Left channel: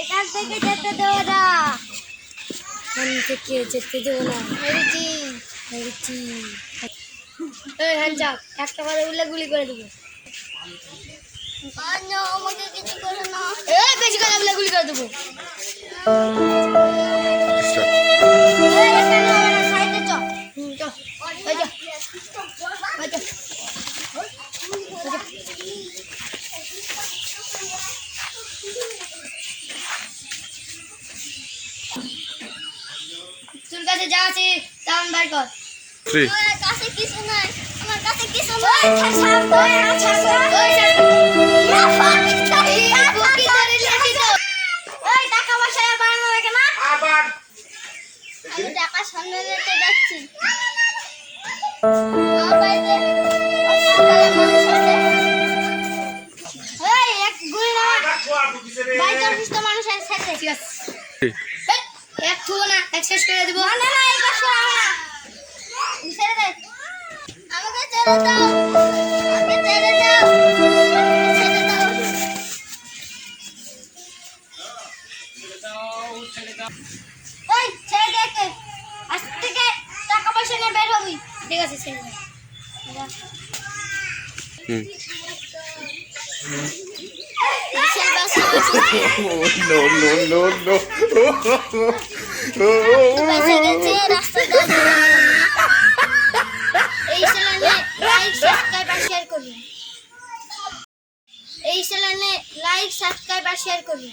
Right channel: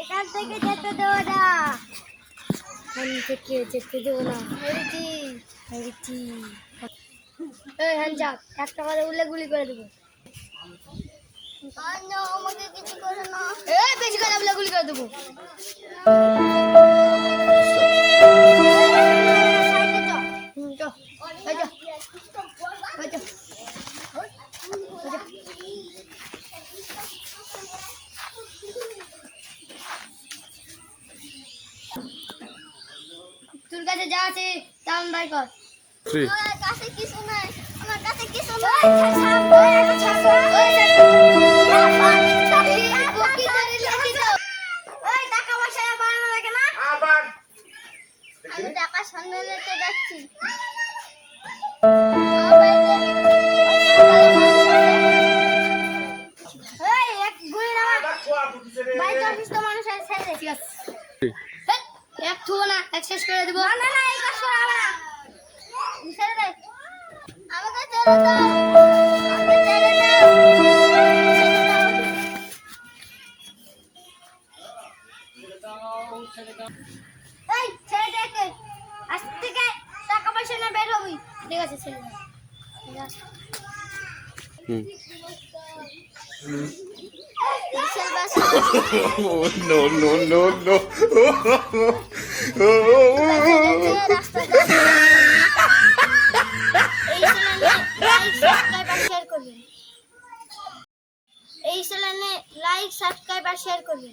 এখান থেকে যেতে দেবো না আমি থেকে যেতে দেবো না হেরেছি হেরেছি এই হ্যাঁ, হ্যাঁ যাও একটা বারে উল্লে গুলি করে দেবো। আর আমাকে কিছু করে না। এই বেশি গুলি করে দেবো। তোর কাছে যা আছে আমি বার কর. আমার কাছে নাই আমার আবার। টাকা সামনে যাচ্ছি। আছে এক থুবো না এক শেষ করে দেবো না, না, এই হবে না। ছেড়ে দে। আমাকে ছেড়ে দাও। আমাকে ছেড়ে দাও। no no no no! এই চ্যানেলে লাইক সাবস্ক্রাইব আর শেয়ার করুন।